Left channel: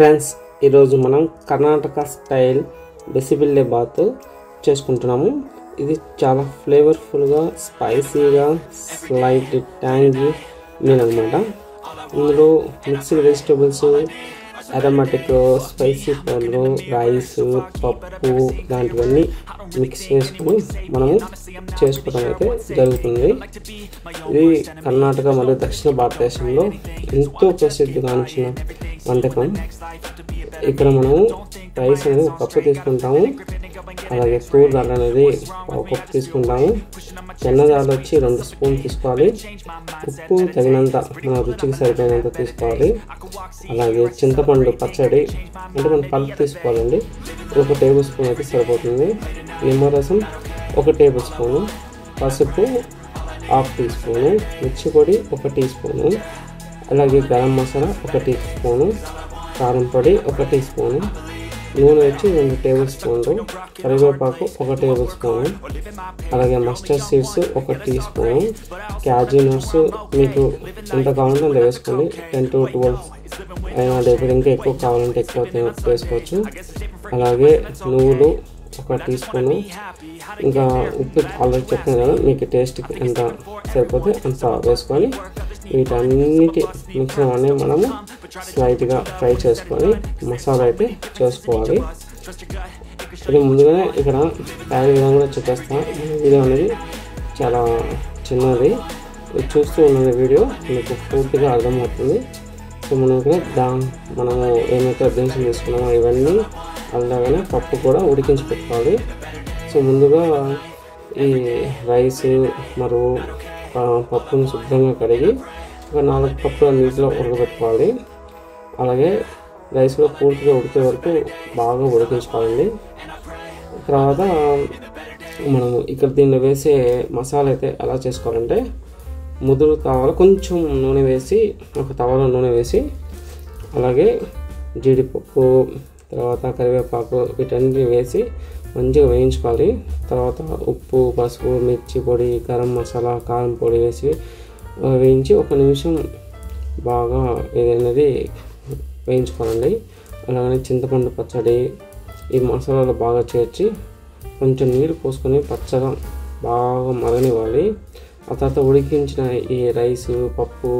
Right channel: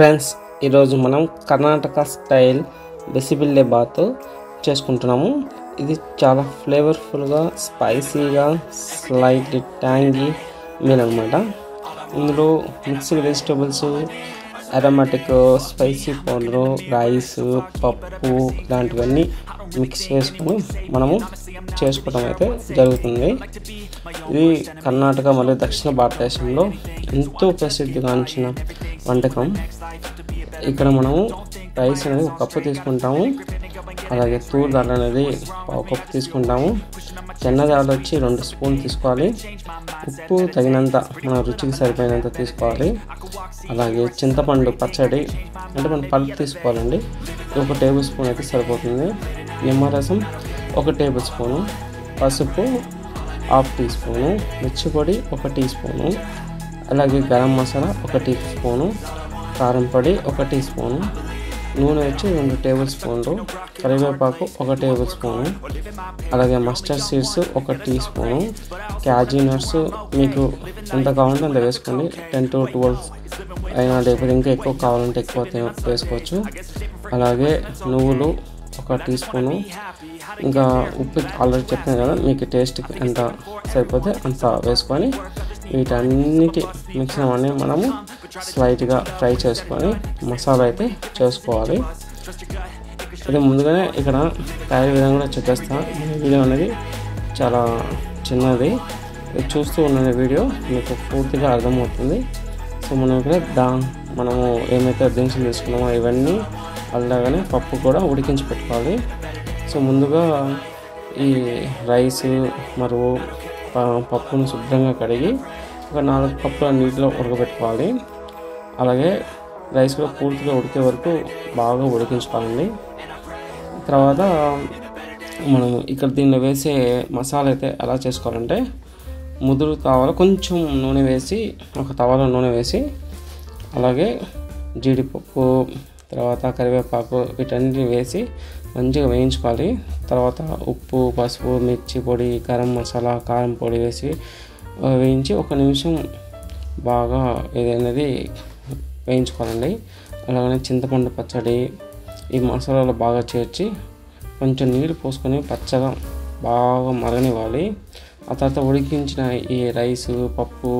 Friends, ఈరోజు మనం Karnataka style బిసిబిల్లే bath చేసుకుంటున్నాము. ఇది చాలా ఫ్లేవర్ఫుల్గా, స్పైసీగా, స్లైట్లీ ట్యాంగీ మీల్ అనమాట. ఇందులో mixed vegetables, aromatic spicy powder, rice, పప్పు లాంటివన్నీ మిక్స్ చేసుకొని మనము చేసుకోవడం అయితే జరుగుతుంది. ఇది కర్ణాటక మరియు దక్షిణ భారతదేశంలో ఎంతో ప్రసిద్ధిగాంచిన వంటకం. ఇక్కడ మనము రైస్ అనేది ఒక కప్పు తీసుకుంటాము, అలాగే తూర్ దాల్ అనేది ఒక కప్పు తీసుకుంటాము, చెన్నదాల్ వచ్చి 2 స్పూన్లు తీసుకోవాలి, ఉప్పు తగినంత మన రుచికి సరిపోయినంత తీసుకోవాలి, అలాగే చింతపండు పచ్చడి అంటే మనం పల్పు తీసుకోవాలండి, 1 టేబుల్ స్పూన్ అయితే సరిపోతుంది, నిమ్మరసం 1 టేబుల్ స్పూను, పసుపు 1/2 టీ స్పూను, మిర్చి పొడి 1 టీ స్పూను, అలాగే గరం మసాలా 1 టీ స్పూను, కారం పొడి 1 టీ స్పూను, నూనె వచ్చి 2 టేబుల్ స్పూన్లు, కరివేపాకు 1 టేబుల్ స్పూను, అలాగే mustard seeds 1 teaspoon, cashew nuts మీకు ఎంత కావాలంటే అంత వేసుకోండి, 10 to 12 అయినా ఇప్పుడు ఇంకా ఎక్కువ కావాలంటే ఎక్కువ వేసుకోవచ్చు. అలాగే నువ్వులు 1 టీ స్పూను, ఇంకా ఉప్పు ఆల్రెడీ చెప్పాను కదా, మీకు టేస్ట్కి ఎంత సరిపోతే అంత వేసుకొని వీటన్నిటి మిక్సర్ అనేది మనము స్లైట్గా ఫ్రై చేసుకొని మసాలా అయితే చేసుకోవాలి. ఇది ముందుగానే ఇక్కడ తయారీ విధానం కూడా చూపిస్తాను. వీడియో అనేది చాలా చిన్నది, చూస్తూ ఉన్న వీడియో మీకు పూర్తిగా అర్థమవుతుంది. సో మనం ఇక్కడ మనము ఏమైతే దినుసులు తీసుకున్నామో ఇవన్నీ అలాగనే పప్పు కూడా ఉడికించి పెట్టుకోవాలి. సో ముందుగా ఈ రైస్ మరియు పప్పును శుభ్రంగా కడిగి ఒక 4 కప్పుల నీటిలో ఉడకబెట్టుకోవాలి. అలాగే రైస్ కూడా పూర్తిగా ఉడికే వరకు బాగా ఉడికించుకోవాలండి. తర్వాత మనము ఇక్కడ దీనిలో వేసే మసాలా అయితే ఎలా చేసుకోవాలంటే, ముదురు కావాలి కొంచెం నూనె వేసి, ఒక తవాలో నూనె వేసి, అలాగే జీడిపప్పు, తర్వాత కరివేపాకు వీటన్నిటిని వేసి మంచిగా వేయించుకోవాలి. తర్వాత ఉప్పు, పసుపు, మిర్చి పొడి, గరం మసాలా, కారం పొడి వేసి వేయించి 1 నిమిషం బాగా ఏదైనది వేయించుకోవాలండి. అలాగనే చింతపండు పచ్చడి ఈ మసాలాలో బాగా చేర్చి కొంచెం నీరు పోసుకొని పచ్చగా బాగా మరగనివ్వాలి. ఆ తర్వాత ఉడికించిన ఈ రైసు, పప్పు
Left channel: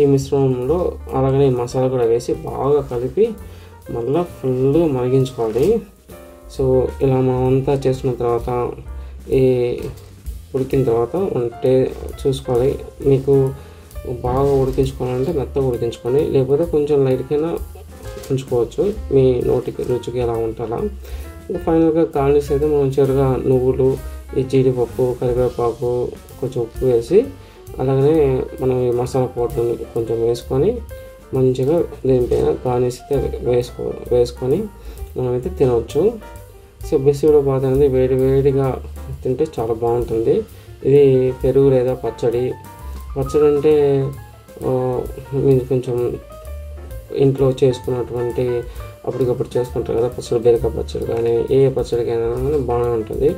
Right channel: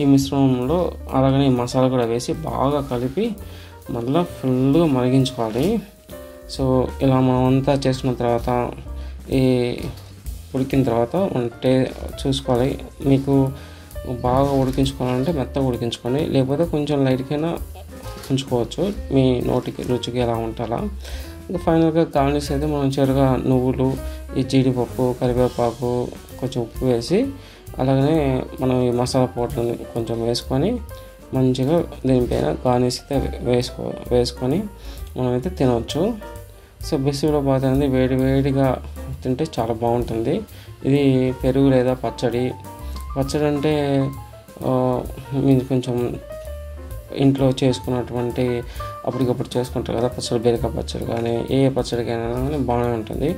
ఈ మిశ్రమంలో అలాగనే మసాలా కూడా వేసి బాగా కలిపి మళ్ళీ ఫుల్గా మరిగించుకోవాలి. సో ఇలా మనమంతా చేసుకున్న తర్వాత ఈ ఉడికిన తర్వాత చూసుకోవాలి. మీకు బాగా ఉడికించుకోవాలంటే మెత్తగా ఉడికించుకోండి, లేకపోతే కొంచెం లైట్కైనా ఉంచుకోవచ్చు, మీ నోటికి రుచికి ఎలా ఉంటుందా. ఫైనల్గా గార్నిష్ అయితే మనం చివరిగా నువ్వులు, ఈ జీడిపప్పు, కరివేపాకు, కొంచెం ఉప్పు వేసి, అలాగనే మనం ఈ మసాలా పౌడర్ని కొంచెం వేసుకొని మంచిగా దీనిపైన గార్నిష్ అయితే వేసుకొని మనమైతే తినవచ్చు. సో బిసిబిల్లే బాత్ అనేది వేడిగా తింటే చాలా బాగుంటుంది. ఇది పెరుగు లేదా పచ్చడి అంటే మీరు కొంచెం ఇంట్లో చేసుకున్నటువంటి అప్పటికప్పుడు చేసుకుంటారు కదా పచ్చడి, బీరకాయ పచ్చడి కానీ ఏ పచ్చడికైనా కానీ బాగానే ఉంటుంది.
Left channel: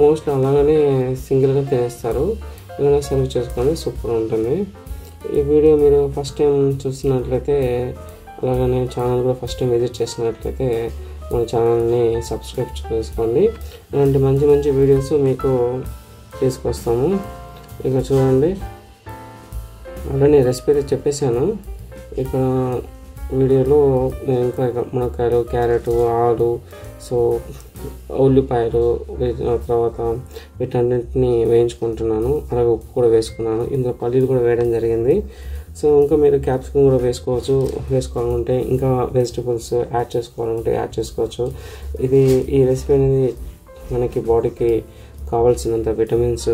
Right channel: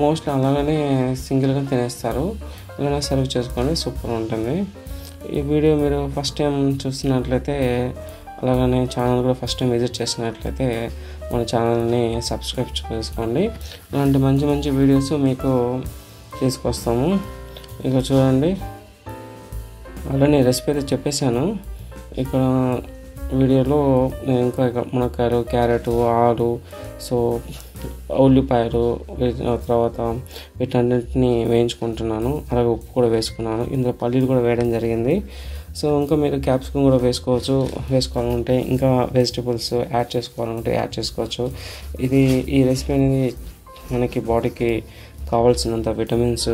మోస్ట్లీ అలాగనే సింగిల్గా తినేస్తారు, ఇలా సర్వ్ చేసుకొని సూపర్ ఉంటుంది. ఈ వీడియో మీరు ఫస్ట్ టైం చూస్తున్నట్లయితే, అలాగనే ఛానల్ కూడా ఫస్ట్ టైం విజిట్ చేసినట్లయితే మన ఛానల్ని సబ్స్క్రైబ్ చేసుకోండి. ఇలాంటి మంచి వీడియోస్ మీకు తీసుకొస్తాము. ఇక చూడండి, అలానే రెసిపీ అయితే చెప్పేశాను. ఇక వీడియోలో నేను ఇంకా మునక్కాయలు, క్యారెట్, ఆలు, సో ఉల్లిపాయలు, తర్వాత వీటన్నిటిని వేయించుకుంటున్నాను. అలాగే ఉప్పు కూడా వేసుకున్నాను, ఇందులో పల్లీలు కూడా వేయడం జరిగింది. సో ఇంకా మీరు క్యాప్సికమ్ కూడా వేసుకోవాలంటే, ఇంకా వెజిటబుల్స్ యాడ్ చేసుకోవాలంటే యాడ్ చేసుకోవచ్చు. ఈ రెసిపీ అనేది మనకి బాడీకి కావాల్సినంత విటమిన్స్,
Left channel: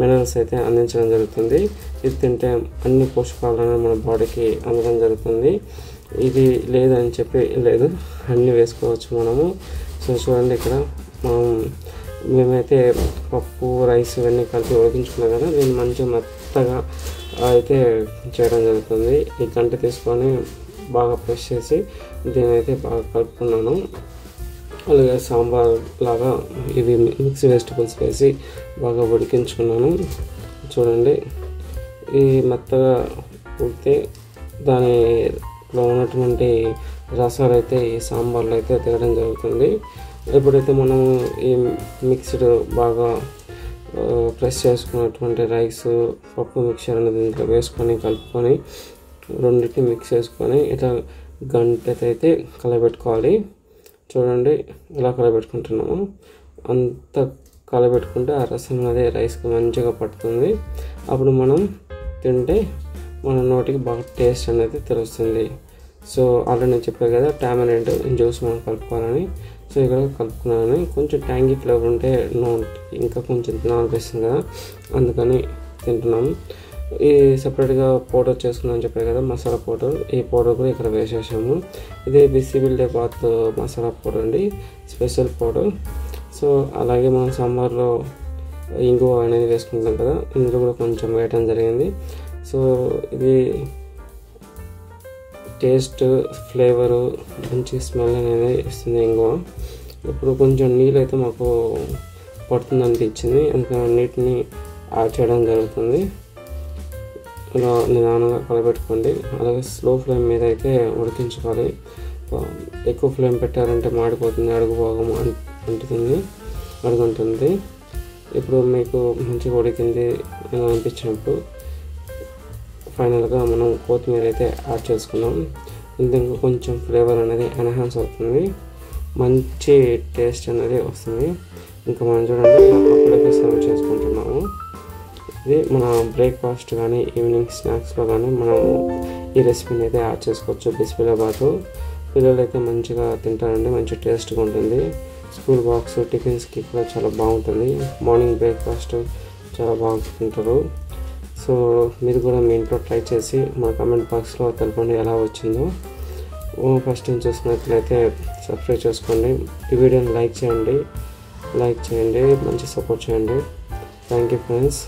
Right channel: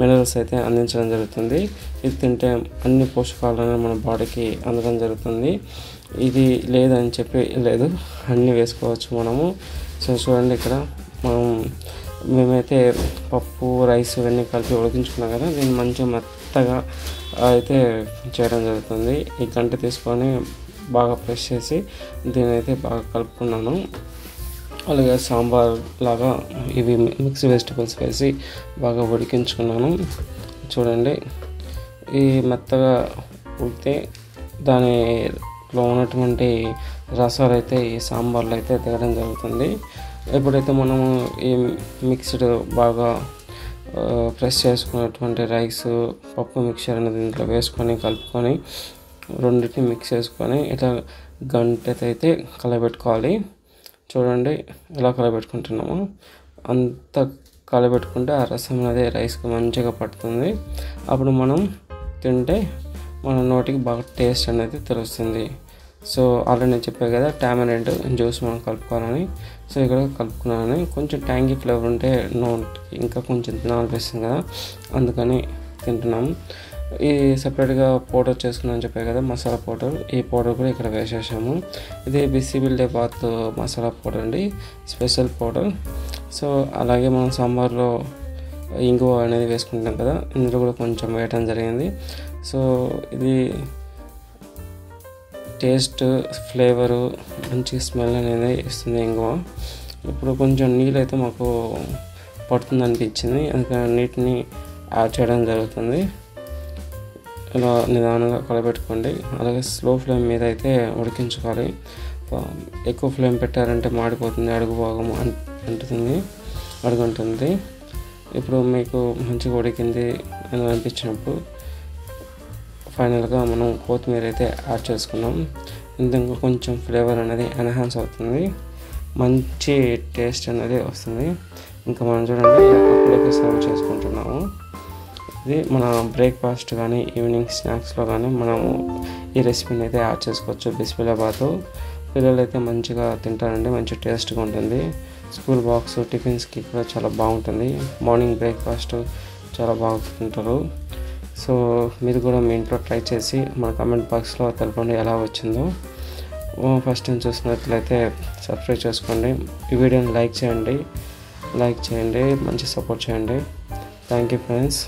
మినరల్స్ అయితే అందించడం జరుగుతుంది. ఇది తింటే అన్ని పోషకాలను మన బాడీకి అందడం జరుగుతుంది. ఇది లేదని చెప్పి లేదు, అన్నీ వేసుకోవచ్చు మనము. సో చూడండి, ఇక్కడ మేమైతే పప్పు, రైస్ ఇవన్నీ కలిపి ఉడికించుకున్నాం కదా, దీన్ని మంచిగా మెత్తగా అయితే చేయడం జరుగుతుంది. ఈ గంట తీసుకొని బాగా ప్రెస్ చేసి దీన్ని అయితే బాగా కలుపుకున్నాను. అలాగే సాంబార్ లాగా ఇవి మిక్స్ వెజిటబుల్స్ వేసి బాగా ఉడికించుకున్నాను. చూడండి, ఈ మెత్తగా ఉడికితే దాని దాంట్లో ఉన్నటువంటి రసాలు అయితే ఈ సాంబార్లో అయితే తేయడం జరుగుతుంది. ఎప్పుడైతే మనము ఈ మిక్స్డ్ బాగా ప్రెస్ చేసుకున్నటువంటి రైస్ పప్పు మిక్చర్ అనేది దీంట్లో వేసుకొని కలుపుకొని రెండింటిని మిక్స్ చేసుకొని ఇట్లా గంట అయితే కలబెట్టుకోవాలి. చూడండి ఇలా కలబెట్టుకుంటున్నాము. అంత కలబెట్టుకుంటే ఆ రసం అనేది రైస్కి మంచిగా పడుతుంది. అప్పుడు మనం తింటే మన నోటికి బాగా టేస్ట్ అనేది తెలుస్తుంది. సో ఆల్రెడీ నేను చెప్పాను కదా టామరెంట్ జ్యూస్ మనం కలుపుకోవాలని. సో ఇక్కడ కలుపుకున్నాను. కొంచెం ట్యాంగీ ఫ్లేవర్ ఉంటే నోటికి ఇంకా కొంచెం తినాలనిపిస్తుంది కదా, అందుకని తింటున్నాము. ఈ సపరేట్గా పౌడర్ చేసుకున్నాను చెప్పాను కదా మసాలా పౌడర్, ఈ పౌడర్ కూడా ఇక్కడ వేసేసాము. ఇది బిసిబిల్లాబాత్ మసాలా పౌడర్ అండి, స్పెషల్ పౌడర్. సో అలాగే మనం సాంబార్లో ఇంగువ అనేది వేసుకుంటాం కదా, ఇందులో కూడా కొంచెం వేయటం జరిగింది. సో ఇది టేస్ట్ ఫ్లేవరు మంచి స్మెల్ అనేది ఇస్తుంది ఇంగువ. ఇప్పుడు కొంచెం నీళ్ళు అయితే మాకు పడుతుంది అనిపించింది, అందుకని నీటిని యాడ్ చేయడం జరుగుతుంది. ఇలా నిదానంగా కలబెట్టుకోండి. అలాగే స్లో ఫ్లేమ్ మీద అయితే ఉడికించుకోవాలి. ఎక్కువ ఫ్లేమ్ పెట్టారంటే మాడిపోతుంది, అడుగు భాగం అడుగుంటుంది. ఇప్పుడు మీకు మంచిగా ఉడికింది అని అనిపించినప్పుడు ఫైనల్గా మనం కొత్తిమీర అయితే యాడ్ చేసుకున్నాం. ఇందులో కొంచెం ఫ్లేవర్ అనేది ఎన్హాన్స్ అవుతుంది, మంచి టేస్ట్ అనేది వస్తుంది. ఇంకా మనం చూడండి ఇలా కప్పులోకి సర్వ్ చేసుకుంటున్నాము. ఇది మన బ్రేక్ఫాస్ట్ కానీ ఈవినింగ్ స్నాక్స్లో కానీ మనము ఈ రెసిపీని అయితే యాడ్ చేసుకోవచ్చు. బిసిబిల్లాబాత్ పిల్లలు అయితే మంచిగా తింటారండి, మంచి టేస్ట్గా ఉంటుంది. స్కూల్ బాక్స్ టిఫిన్స్కి కూడా చాలా బాగుంటుంది. మార్నింగ్ బ్రేక్ఫాస్ట్ చాలా బాగా తింటారు. సో మీరు కూడా మీ ఇంట్లో ట్రై చేసి మన కామెంట్ బాక్స్లో తెలపండి ఎలా వచ్చిందో. ఫస్ట్ టైం చూసినట్లయితే సబ్స్క్రైబ్ చేసుకోండి, ఈ వీడియోని లైక్ చేయండి, మంచి సపోర్ట్ చేయండి. Thank you friends.